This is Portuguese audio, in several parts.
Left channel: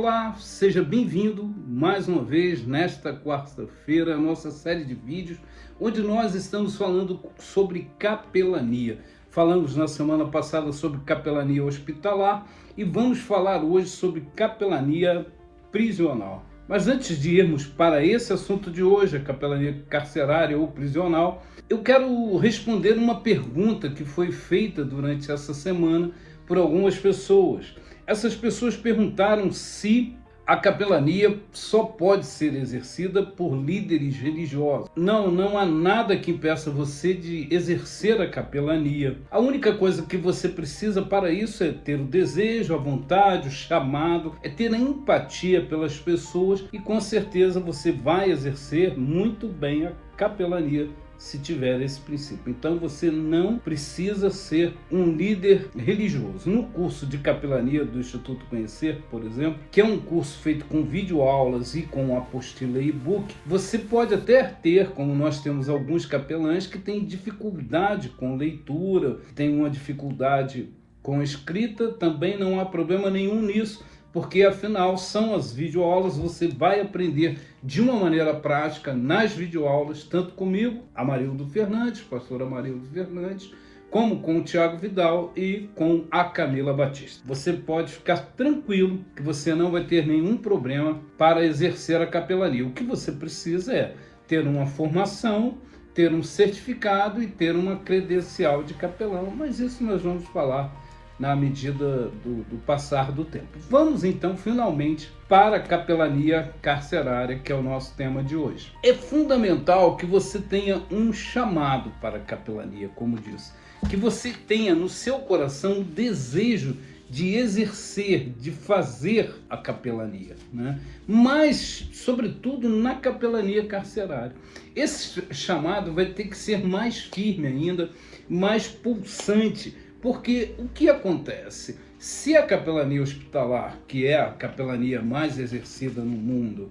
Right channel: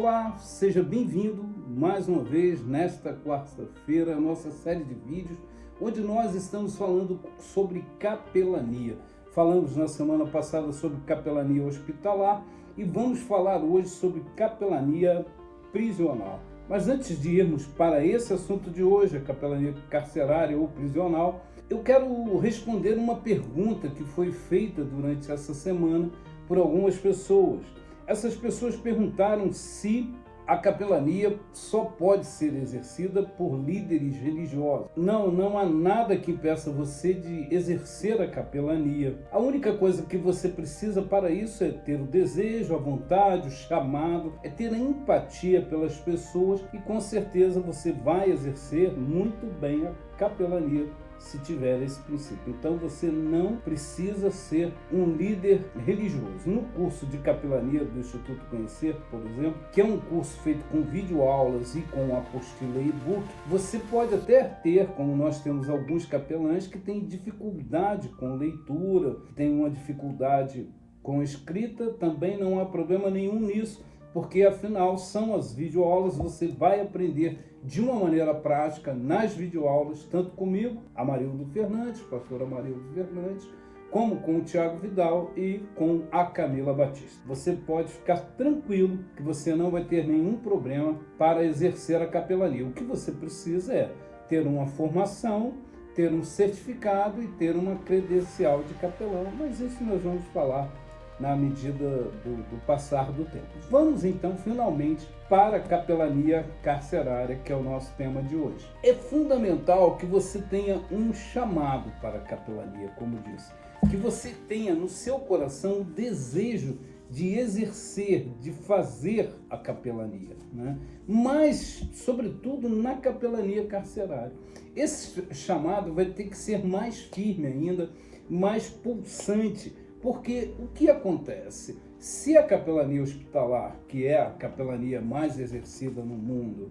Olá, seja bem-vindo mais uma vez nesta quarta-feira, a nossa série de vídeos, onde nós estamos falando sobre capelania. Falamos na semana passada sobre capelania hospitalar e vamos falar hoje sobre capelania prisional. Mas antes de irmos para esse assunto de hoje, a capelania carcerária ou prisional, eu quero responder uma pergunta que foi feita durante essa semana por algumas pessoas. Essas pessoas perguntaram se a capelania só pode ser exercida por líderes religiosos. Não há nada que impeça você de exercer a capelania. A única coisa que você precisa para isso é ter o desejo, a vontade, o chamado, é ter a empatia pelas pessoas e com certeza você vai exercer muito bem a capelania se tiver esse princípio. Então você não precisa ser um líder religioso. No curso de capelania do Instituto Conhecer, por exemplo, que é um curso feito com videoaulas e com apostila e e-book, você pode até ter, como nós temos alguns capelães que têm dificuldade com leitura, têm uma dificuldade com escrita, também não há problema nenhum nisso, porque afinal são as videoaulas, você vai aprender de uma maneira prática nas videoaulas, tanto comigo, Amarildo Fernandes, pastor Amarildo Fernandes, como com o Tiago Vidal e com a Camila Batista. Você pode ficar tranquilo que você não vai ter nenhum problema para exercer a capelania. O que você precisa é ter uma formação, ter um certificado e ter uma credencial de capelão, mas isso nós vamos falar na medida do passar do tempo. Vamos então finalmente para a capelania carcerária, que é o nosso tema de hoje. É fundamental que você tenha um chamado para a capelania, como disse, que você tenha no seu coração o desejo de exercer, de fazer a capelania, né? Mas, sobretudo, na capelania carcerária. Esse chamado vai ter que ser mais firme ainda, mais pulsante, porque o que acontece? Se a capelania hospitalar, que é a capelania mais exercida no mundo,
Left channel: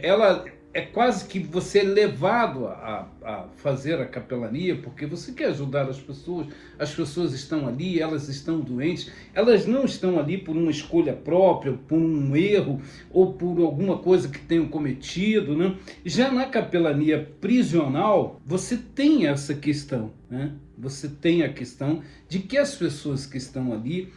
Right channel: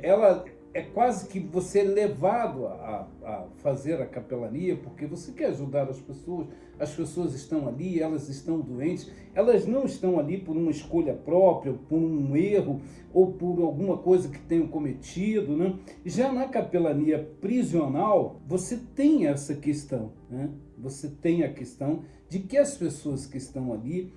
ela é quase que você é levado a fazer a capelania, porque você quer ajudar as pessoas estão ali, elas estão doentes, elas não estão ali por uma escolha própria, por um erro ou por alguma coisa que tenham cometido, né? Já na capelania prisional, você tem essa questão, né? Você tem a questão de que as pessoas que estão ali,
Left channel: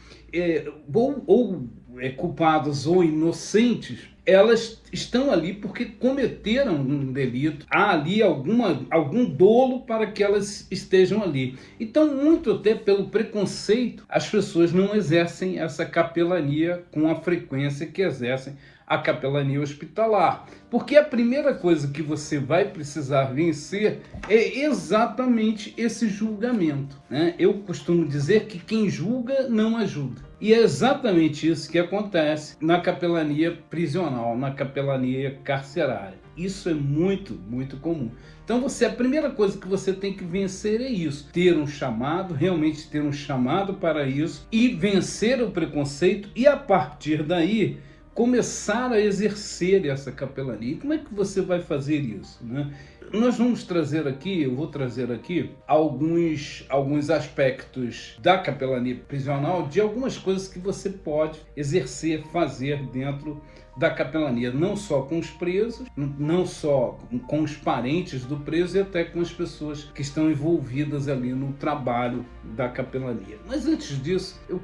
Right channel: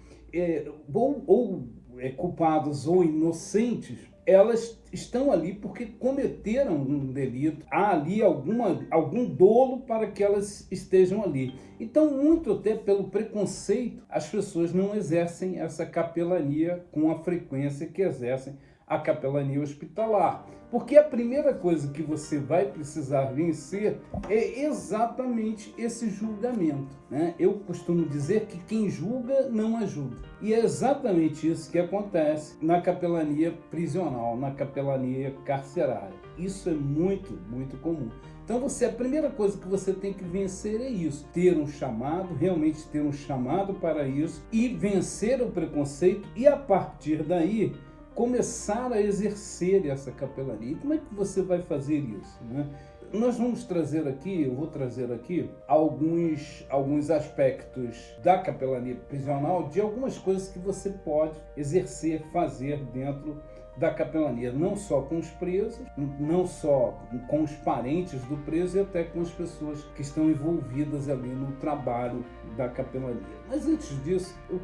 culpadas ou inocentes, elas estão ali porque cometeram um delito, há ali algum dolo para que elas estejam ali. Então, muito até pelo preconceito, as pessoas não exercem essa capelania com a frequência que exercem a capelania hospitalar. Porque a primeira coisa que você vai precisar vencer é exatamente esse julgamento, né? Eu costumo dizer que quem julga não ajuda. E é exatamente isso que acontece na capelania prisional, na capelania carcerária. Isso é muito, muito comum. Então a primeira coisa que você tem que vencer é isso. Ter um chamado, realmente ter um chamado para isso e vencer o preconceito e a partir daí começar a exercer essa capelania. E como é que você vai fazer isso, né? Nós vamos trazer aqui, eu vou trazer aqui alguns aspectos da capelania prisional, de algumas coisas que você pode exercer, fazer dentro da capelania, não só com os presos, não só com os parentes do preso e até com as pessoas que estão envolvidas ali no trabalho da capelania. Mas antes disso, eu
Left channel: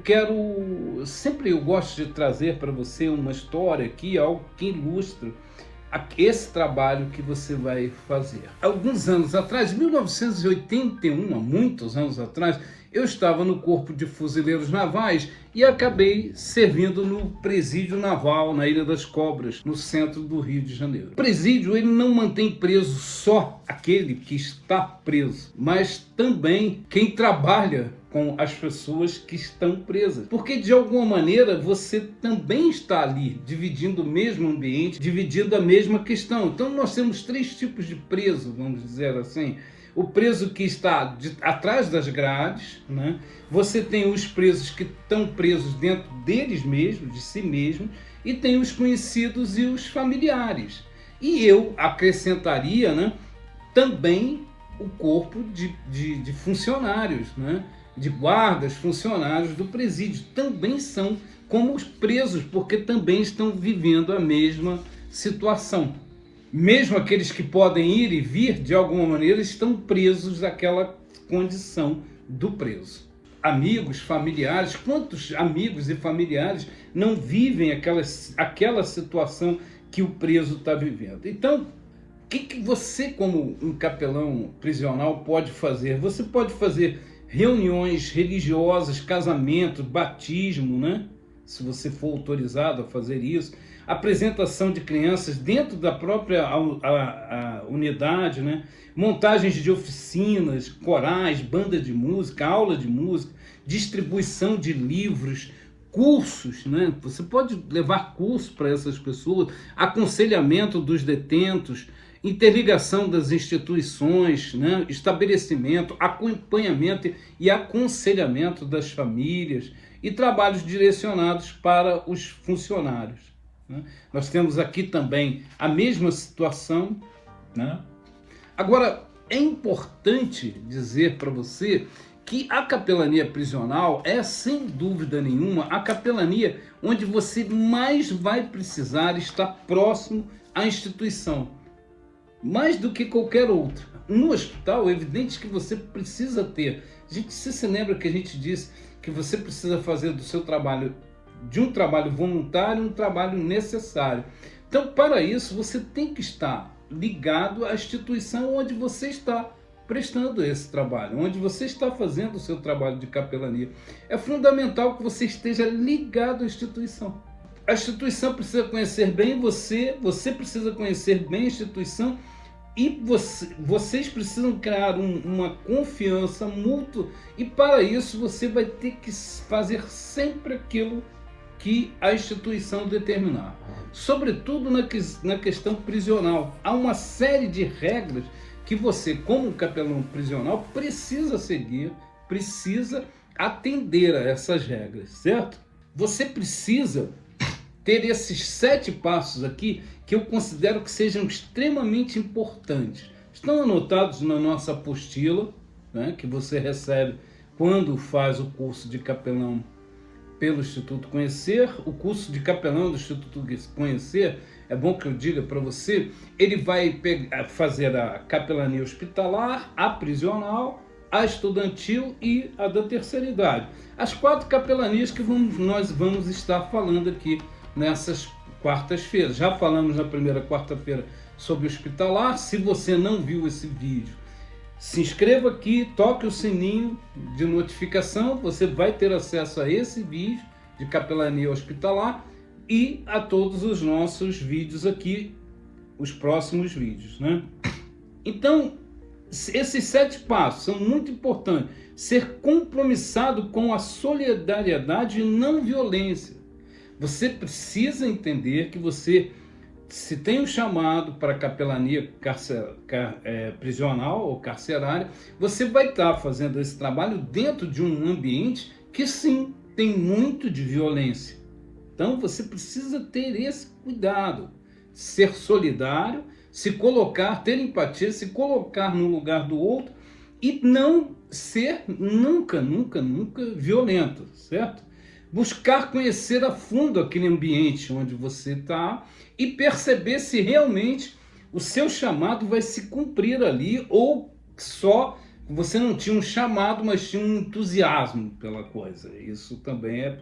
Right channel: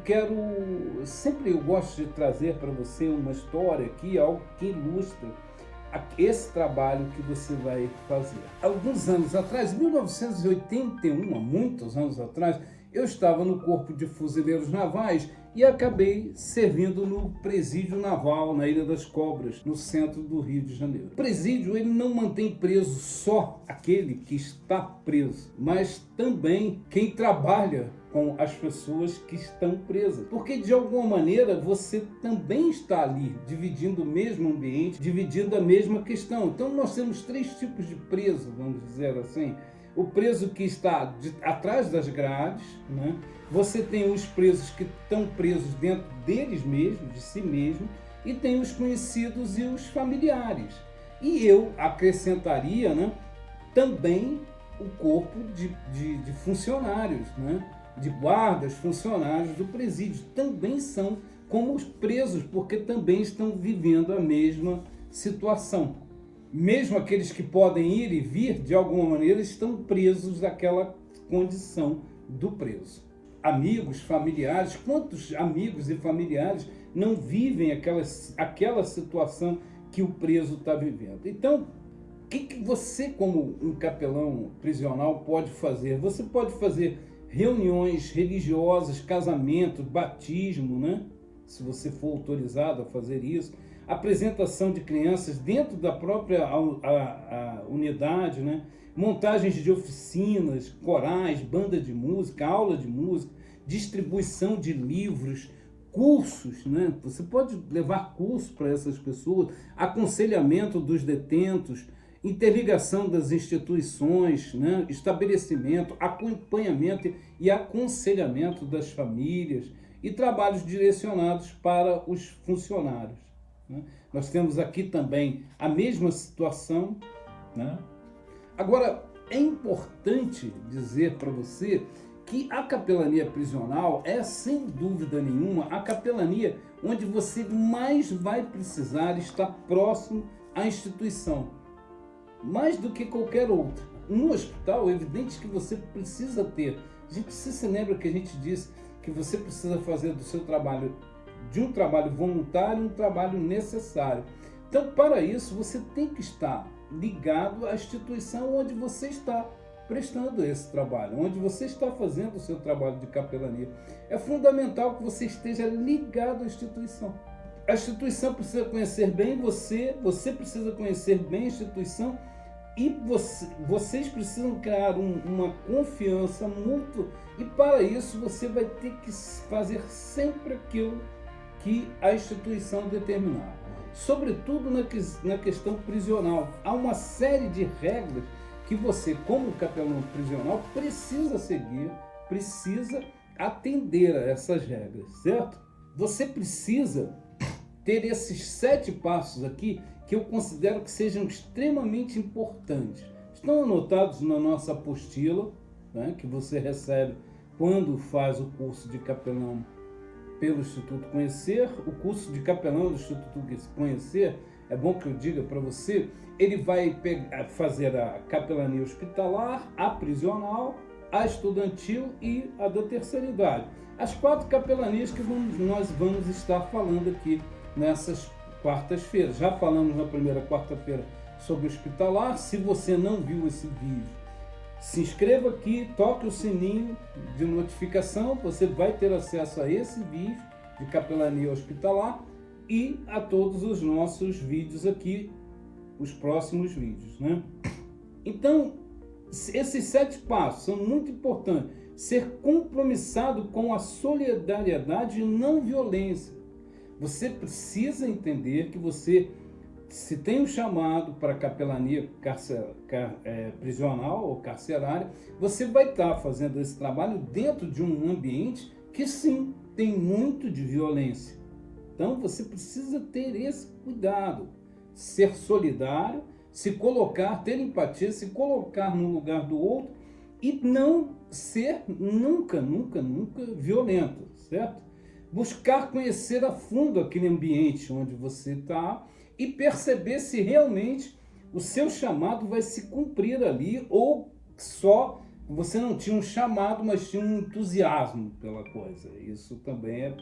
gosto de trazer para você uma história aqui, algo que ilustra esse trabalho que você vai fazer. Alguns anos atrás, 1981, há muitos anos atrás, eu estava no Corpo de Fuzileiros Navais e acabei servindo no Presídio Naval, na Ilha das Cobras, no centro do Rio de Janeiro. O presídio, ele não mantém preso só aquele que está preso, mas também quem trabalha com as pessoas que estão presas. Porque, de alguma maneira, você também está ali, dividindo o mesmo ambiente, dividindo a mesma questão. Então, nós temos três tipos de preso, vamos dizer assim. O preso que está atrás das grades, né? Você tem os presos que estão presos dentro deles mesmos, de si mesmos, e tem os conhecidos e os familiares. E eu acrescentaria, né, também o corpo de funcionários, né? De guardas, funcionários do presídio, também são como os presos, porque também estão vivendo a mesma situação. Mesmo aqueles que podem ir e vir, de alguma maneira, estão presos àquela condição do preso. Amigos, familiares, quantos amigos e familiares não vivem aquela situação que o preso está vivendo? Então, o que você, como um capelão prisional, pode fazer? Você pode fazer reuniões religiosas, casamento, batismo, né? Se você for autorizado a fazer isso, apresentação de crianças dentro da própria a unidade, né? Montagens de oficinas, corais, banda de música, aula de música, distribuição de livros, cursos, né? Você pode levar curso para essas pessoas, aconselhamento dos detentos, interligação das instituições, né? Estabelecimento, acompanhamento e aconselhamento das famílias e trabalhos direcionados para os funcionários, né? Nós temos aqui também a mesma situação, né? Agora, é importante dizer para você que a capelania prisional é, sem dúvida nenhuma, a capelania onde você mais vai precisar estar próximo à instituição, mais do que qualquer outra. No hospital, é evidente que você precisa ter. Você se lembra que a gente disse que você precisa fazer do seu trabalho, de um trabalho voluntário, um trabalho necessário. Então, para isso, você tem que estar ligado à instituição onde você está prestando esse trabalho, onde você está fazendo o seu trabalho de capelania. É fundamental que você esteja ligado à instituição. A instituição precisa conhecer bem você, você precisa conhecer bem a instituição e vocês precisam criar uma confiança mútua, e para isso você vai ter que fazer sempre aquilo que a instituição determinar. Sobretudo na questão prisional. Há uma série de regras que você, como capelão prisional, precisa seguir, precisa atender a essas regras, certo? Você precisa ter esses 7 passos aqui que eu considero que sejam extremamente importantes. Estão anotados na nossa apostila, né, que você recebe quando faz o curso de capelão pelo Instituto Conhecer. O curso de capelão do Instituto Conhecer, é bom que eu diga para você, ele vai fazer a capelania hospitalar, a prisional, a estudantil e a da terceira idade. As 4 capelanias que nós vamos estar falando aqui nessas quartas-feiras. Já falamos na primeira quarta-feira sobre hospitalar. Se você não viu esse vídeo, se inscreva aqui, toque o sininho de notificação, você vai ter acesso a esse vídeo de capelania hospitalar e a todos os nossos vídeos aqui, os próximos vídeos, né? Então, esses 7 passos são muito importantes. Ser compromissado com a solidariedade e não violência. Você precisa entender que você, se tem um chamado para capelania prisional ou carcerária, você vai estar fazendo esse trabalho dentro de um ambiente que sim, tem muito de violência. Então você precisa ter esse cuidado, ser solidário, se colocar, ter empatia, se colocar no lugar do outro e não ser nunca violento, certo? Buscar conhecer a fundo aquele ambiente onde você está e perceber se realmente o seu chamado vai se cumprir ali, ou só você não tinha um chamado, mas tinha um entusiasmo pela coisa. Isso também é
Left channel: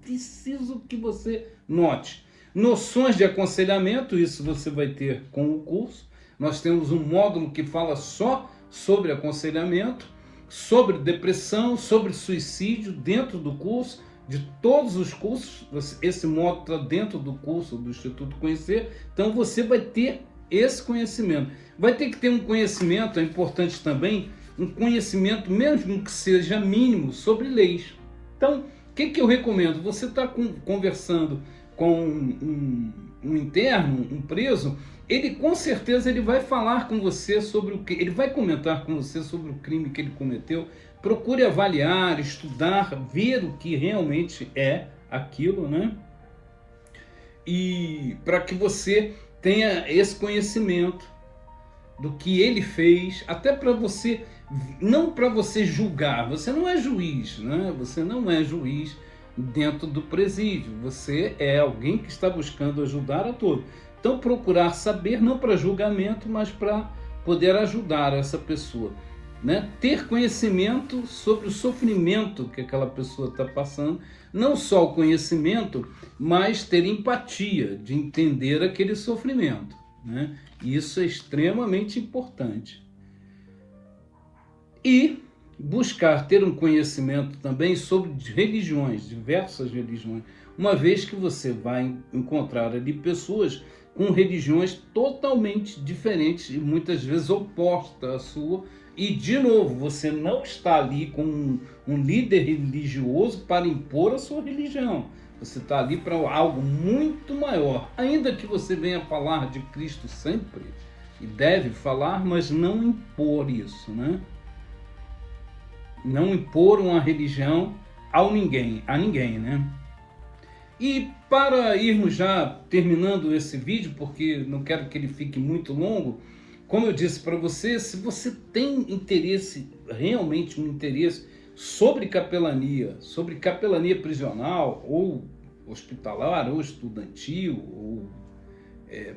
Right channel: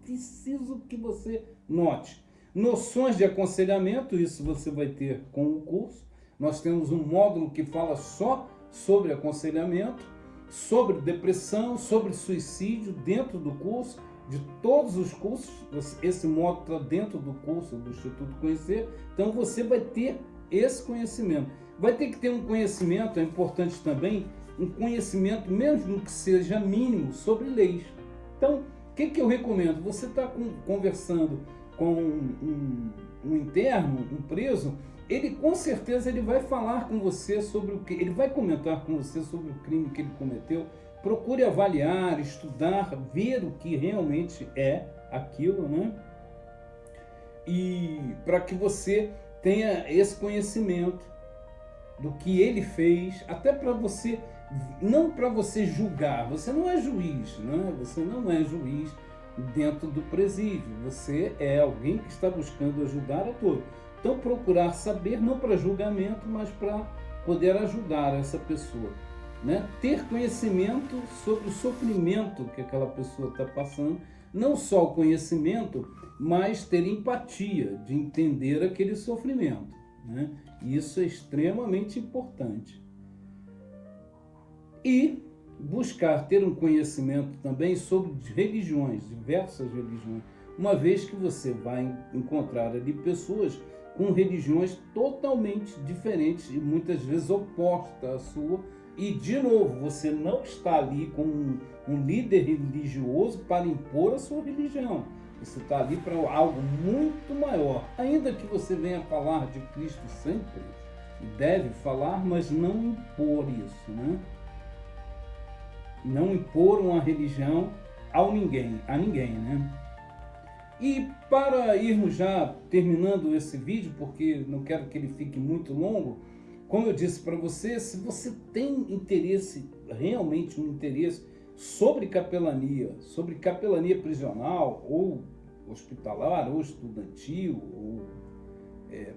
preciso que você note. Noções de aconselhamento, isso você vai ter com o curso. Nós temos um módulo que fala só sobre aconselhamento, sobre depressão, sobre suicídio dentro do curso. De todos os cursos, esse módulo está dentro do curso do Instituto Conhecer, então você vai ter esse conhecimento. Vai ter que ter um conhecimento, é importante também, um conhecimento, mesmo que seja mínimo, sobre leis. Então, o que eu recomendo? Você está conversando com um interno, um preso, ele com certeza ele vai falar com você sobre o que, ele vai comentar com você sobre o crime que ele cometeu. Procure avaliar, estudar, ver o que realmente é aquilo, né? E para que você tenha esse conhecimento do que ele fez, até para você, não para você julgar, você não é juiz, né? Você não é juiz, dentro do presídio. Você é alguém que está buscando ajudar a todos. Então, procurar saber, não para julgamento, mas para poder ajudar essa pessoa, né? Ter conhecimento sobre o sofrimento que aquela pessoa está passando, não só o conhecimento, mas ter empatia de entender aquele sofrimento, né? Isso é extremamente importante. E buscar ter um conhecimento também sobre religiões, diversas religiões, uma vez que você vai encontrar ali pessoas com religiões totalmente diferentes e muitas vezes opostas à sua. E, de novo, você não está ali com um líder religioso para impor a sua religião. Você está ali para algo muito maior. Ainda que você venha falar de Cristo sempre, e deve falar, mas não impor isso, né? Não impor uma religião a ninguém, né? E para irmos já terminando esse vídeo, porque não quero que ele fique muito longo, como eu disse para você, se você tem interesse, realmente um interesse sobre capelania prisional, ou hospitalar, ou estudantil, ou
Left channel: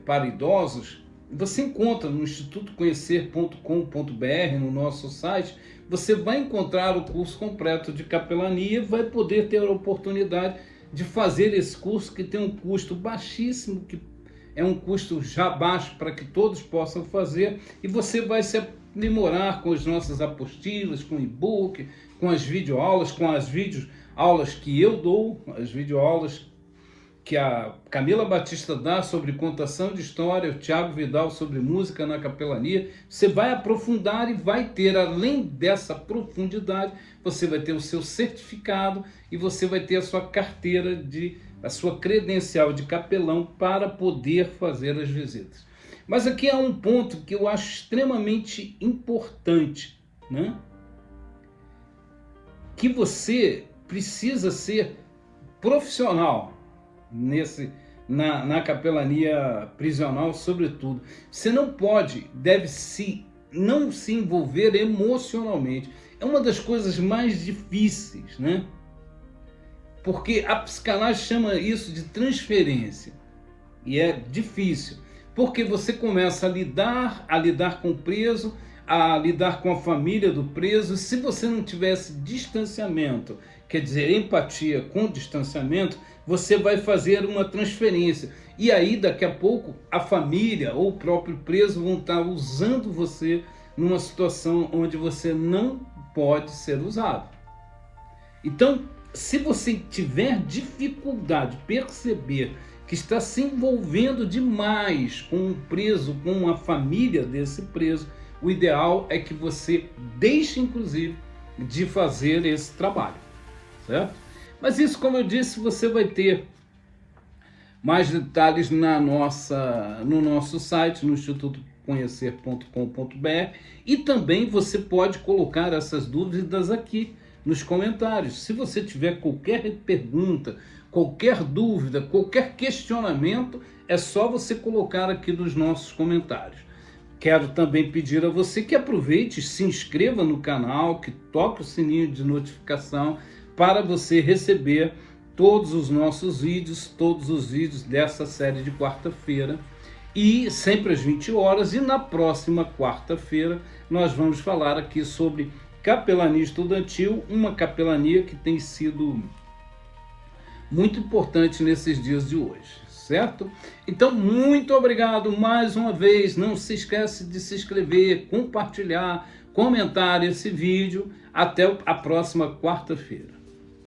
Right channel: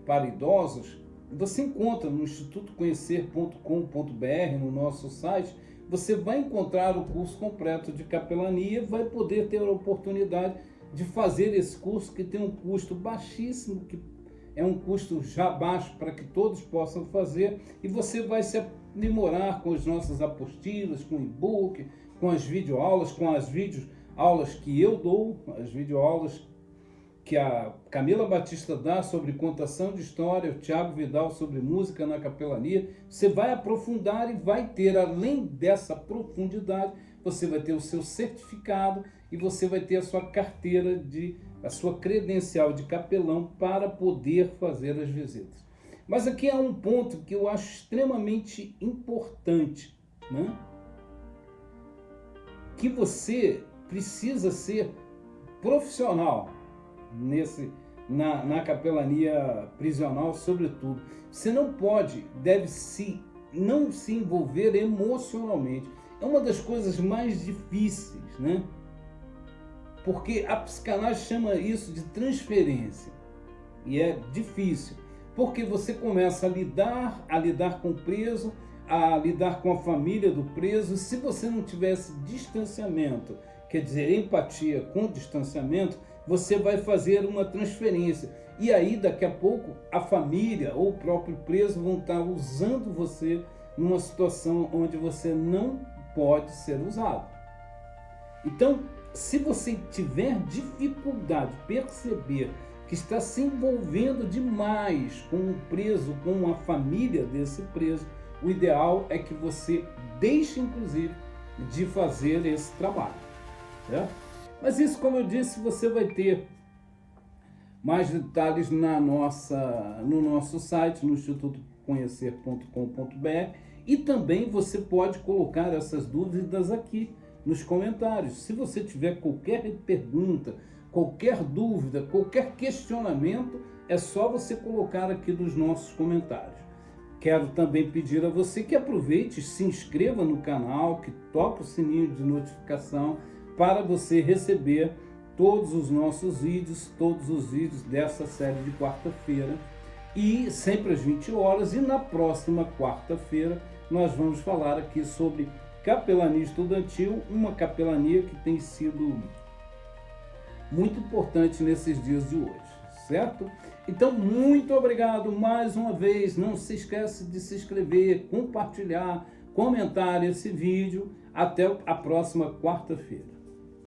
para idosos, você encontra no institutoconhecer.com.br, no nosso site, você vai encontrar o curso completo de capelania, vai poder ter a oportunidade de fazer esse curso, que tem um custo baixíssimo, que é um custo já baixo para que todos possam fazer, e você vai se aprimorar com as nossas apostilas, com e-book, com as videoaulas, com as videoaulas que eu dou, as videoaulas que a Camila Batista dá sobre contação de história, o Thiago Vidal sobre música na capelania. Você vai aprofundar e vai ter, além dessa profundidade, você vai ter o seu certificado e você vai ter a sua carteira, a sua credencial de capelão para poder fazer as visitas. Mas aqui há um ponto que eu acho extremamente importante, né? Que você precisa ser profissional na capelania prisional, sobretudo. Você não pode, não se envolver emocionalmente. É uma das coisas mais difíceis, né? Porque a psicanálise chama isso de transferência. E é difícil, porque você começa a lidar com o preso, a lidar com a família do preso. Se você não tivesse distanciamento, quer dizer, empatia com distanciamento, você vai fazer uma transferência. E aí, daqui a pouco, a família ou o próprio preso vão estar usando você numa situação onde você não pode ser usado. Então, se você tiver dificuldade de perceber que está se envolvendo demais com um preso, com a família desse preso, o ideal é que você deixe, inclusive, de fazer esse trabalho, certo? Mas isso, como eu disse, você vai ter mais detalhes no nosso site, no institutoconhecer.com.br, e também você pode colocar essas dúvidas aqui nos comentários. Se você tiver qualquer pergunta, qualquer dúvida, qualquer questionamento, é só você colocar aqui nos nossos comentários. Quero também pedir a você que aproveite, se inscreva no canal, que toque o sininho de notificação para você receber todos os nossos vídeos, todos os vídeos dessa série de quarta-feira, e sempre às 20 horas, e na próxima quarta-feira nós vamos falar aqui sobre capelania estudantil, uma capelania que tem sido muito importante nesses dias de hoje, certo? Então, muito obrigado mais uma vez. Não se esquece de se inscrever, compartilhar, comentar esse vídeo. Até a próxima quarta-feira.